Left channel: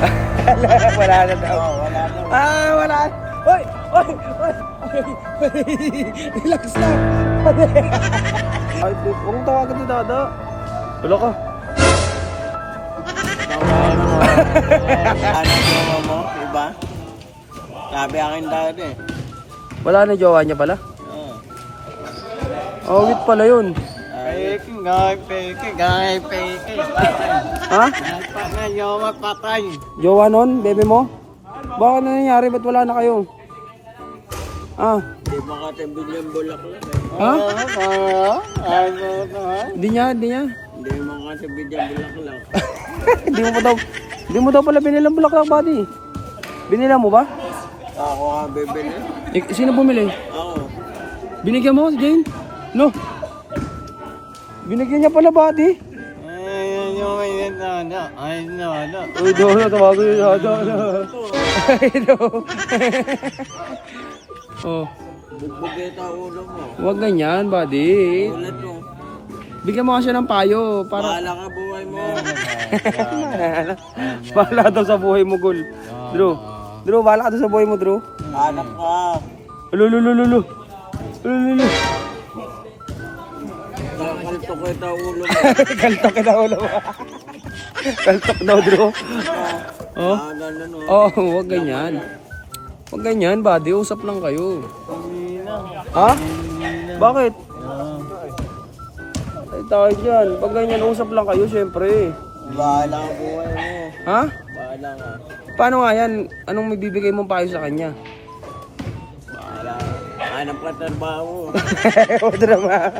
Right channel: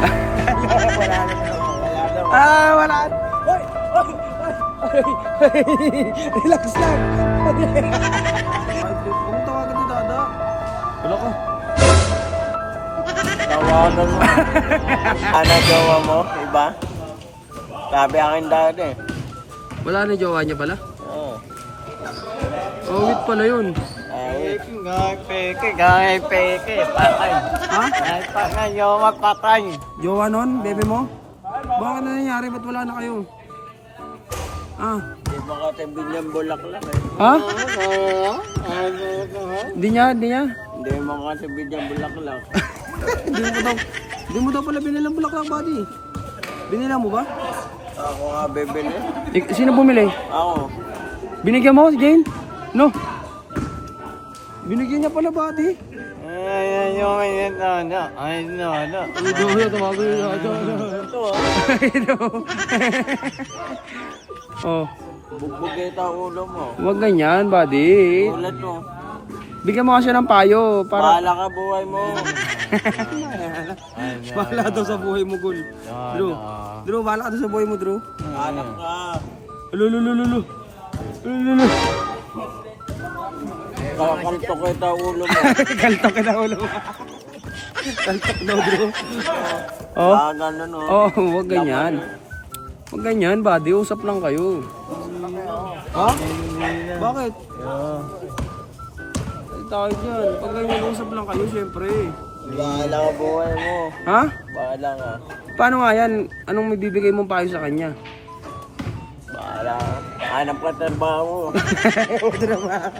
Wala na daw. Wala na. Wala. Hoy! Hoy! Hoy! Relax lang. Ay, huwag tawagan ni Dada. Wala ka. Tawagan mo. Ano jowa mo? Iba? Sabi akin dati. Wala na jowa niya pala? Oo. Oh, wait pala yun. Peke, patay. Ha? Patay, jowa patay. Jowa nun? Bebe mo? Bakit na nangyari? Ba't wala na kayo? Di ba katibig ng bulaklak eh? Ha? Di niya? Hindi mo katibig ng bulaklak. Di mo daw pala binilang bulaklak, buddy. Binila mo ba? Ako nga bibili. Sino bumili? Ako. Binigyan mo, Jane? No. Binigyan niya pala, buddy. Ay, no. Uy, doon na, tawago yun. Oh, Bugbog kita ulo mo. huwag ganyan, buddy. Ulat mo. Bigyan mo kasi ng payo para Bahala ka buhay mo. bahala daw sa buhay mo, Gul. Drew, bahala ka daw sa buhay mo, Drew. Anak ka. Lulu. Kakalto kita ulo mo. Kaltok kita ulo mo. Kaltok daw, Drew. Oh, Ganun o. oh, huwag ganyan. Huwag ganyan, buddy. Usap lang kayo. Ha? Bakit? Ay, tayo dyan. Pag ganyan, usap lang kayo, syempre. Bahala ka buhay mo. Ha? Bahala ka. Paano nga yan? Anong may bibigay mong payo sa kanya? Bahala ka. Hanap ka trabaho. Huwag na.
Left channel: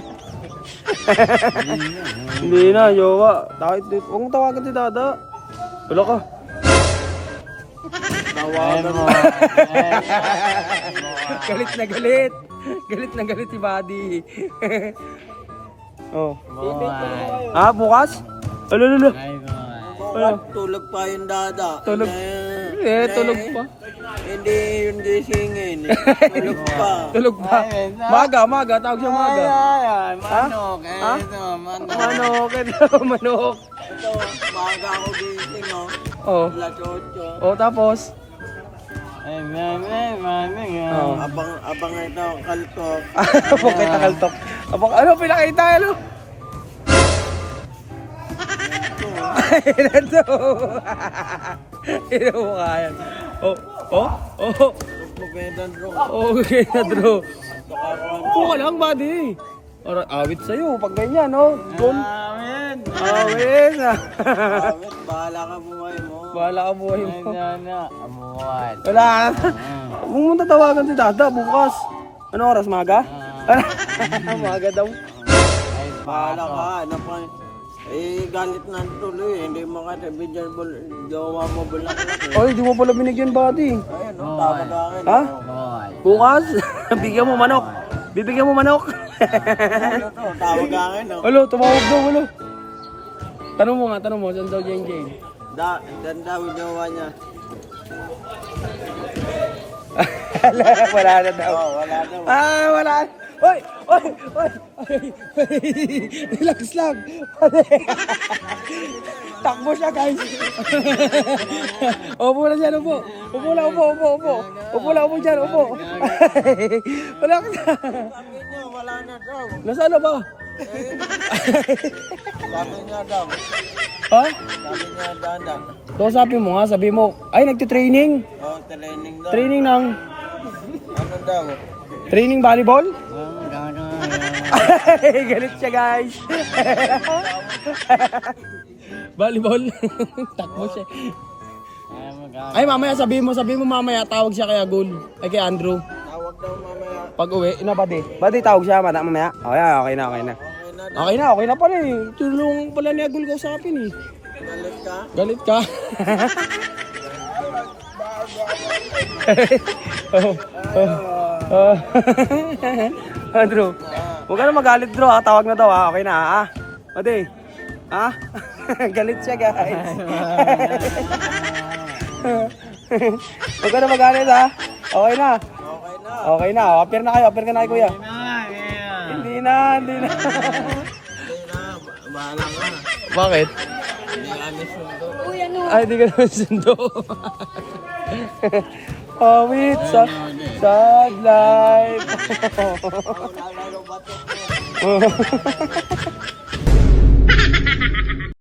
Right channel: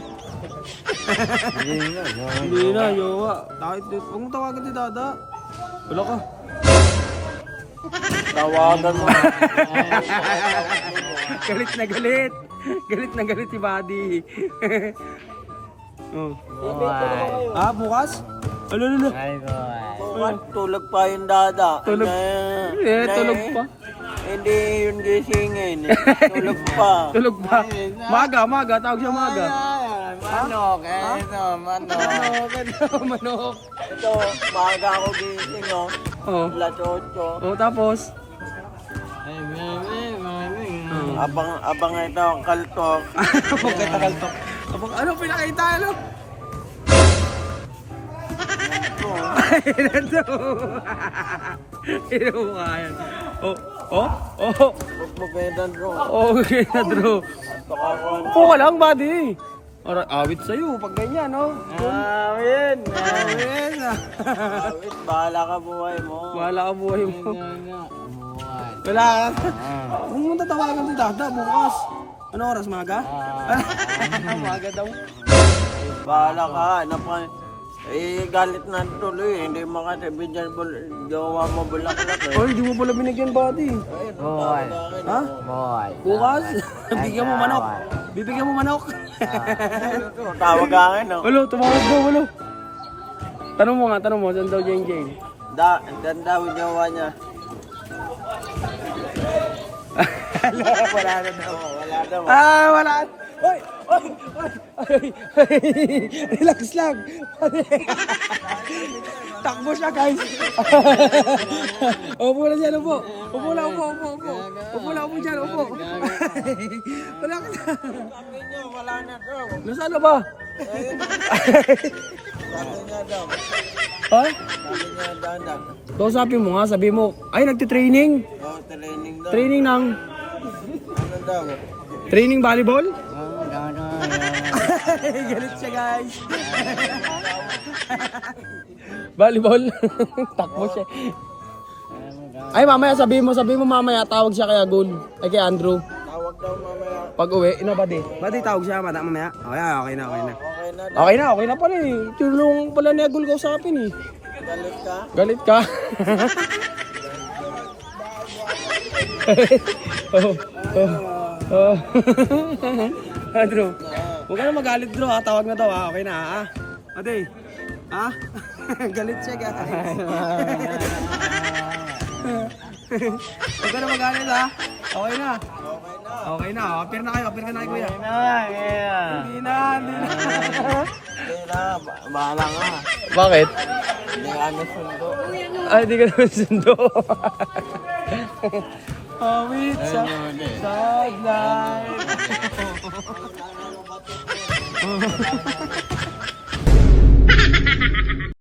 Hindi na, jowa. Kahit huwag mong tawagan si Dada. Wala ka. Tawagan mo. Galit na galit. Galit na galit si Buddy. Oh. Bukas? Lulu. Tulog pa yung dada. Tulog. Tulog pa. Hindi yung gisingin. Tulog pa. Tulog pa. Maga. Tawag siya maga. Manok. Manok. Manok. Ito, maga ako gising oh. Oh. Alas 8. Oh, tapos? Abang ito, kaltok. Abang ito, kaltok. Abang, ano, pinakita, ano? Ito. Ito mo kaya. Oh. Magpagpedan ko. Okay na, Drew. Upo ka lang, buddy. Awit sa'yo, pag ganyan, no? Amin. Awit. Awit, bahala ka buhay mo. Bahala ka buhay mo. Amuan. Wala ka. Huwag mo tatawagan si Dada bukas. Ano oras, maga? Maga daw. Bahala ka, ano pa. Galit na tuloy. Hindi mo kasi binyan gawa mo bulaklak eh. Ay, di mo pala binigyan, buddy. Ayun, tawag akin. Ha? Bukas? Bigyan mo manok. Bibigyan mo manok. Ano to? Tawag akin, no? Alo, tumawag daw, alo. Tanong mo, saan daw Jane? Dan daw yung gawa niya. Wala na daw. Wala daw. Wala. Hoy! Relax lang. Takbo siya, guys. Upo na dyan, upo. Upo dyan, upo. Wala ka na. Sabi niya, wala na daw. Nasaan na ba? Sabi niya daw. Ha? Sabi niya, dada. Kausapin mo nga, sabi mo, ay, nagtitraining. Training daw. Training ng, Ano daw? training volleyball? Galit siya, guys. Volleyball. Takbo siya. Ay, mamaya, sabi mo mamaya, tawag siya kay Agul. Ay, kay Andrew. Tawag daw mamaya. Pag uwi, Badi, tawag siya, mamaya. Okay na. Okay na daw. Okay na pala eh. Tulong pala ni Agul kausapin eh. Galit ka? Galit ka? Drew, huwag ka na magalit, Drew. Tawag na daw, ha? Okay na, ha? Badi, ha? Galit siya, guys. Huwag ka na magalit, ha? Okay na. Okay na. Appear na kayo, kay kuya. Hindi na. Hindi na, bahala nga. Bakit? Hindi kami sundo. Ay, di ka naman sundo. Awit sa sad life.